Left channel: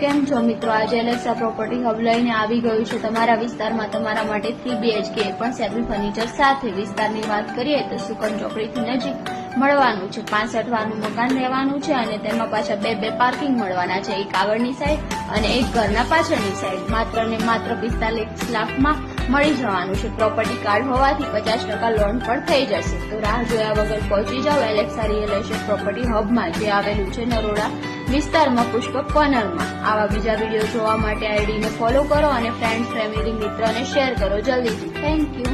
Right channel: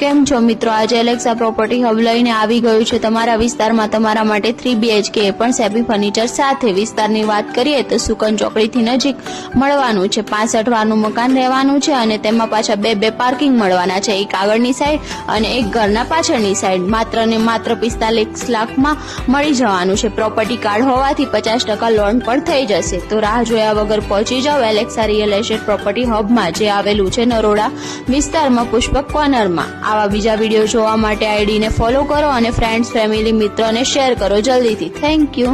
કેમ છો મિત્રો, આજે એલેક્સા પ્રોપર્ટી હબ લઈને આવી ગયું છે તમારા વિસ્તારમાં તમારા માટે 3 BHK પણ સેબી ફર્નિચર સાથે। વિસ્તારની વાત કરીએ તો સુકન ચોકડીથી નજીક મળવાનું છે। 65 વારનું મકાન રહેવાનું છે અને તેમાં પાછા બે પાર્કિંગ મળવાના છે, એક આગળની સાઈડ અને એક ઘરના પાછળની સાઈડ। માત્ર ને માત્ર 45 લાખમાં મળી જવાનું છે। પ્રોપર્ટી કાર્ડ હોવાથી 50% લોન પણ થઈ જશે। તો રાહ જોયા વગર પહોંચી જાઓ એલેક્સા રિયલ એસ્ટેટ પ્રોપર્ટી હબમાં, જે આવેલું છે નરોડા વિસ્તારમાં પુષ્પક કોર્નરમાં। આવા બીજા વિડીયો જોવા માટે આઈડીને ફોલો કરો અને ફ્રેન્ડ્સ, ફેમિલી, મિત્રોને શેર કરો જલ્દીથી। Thank you.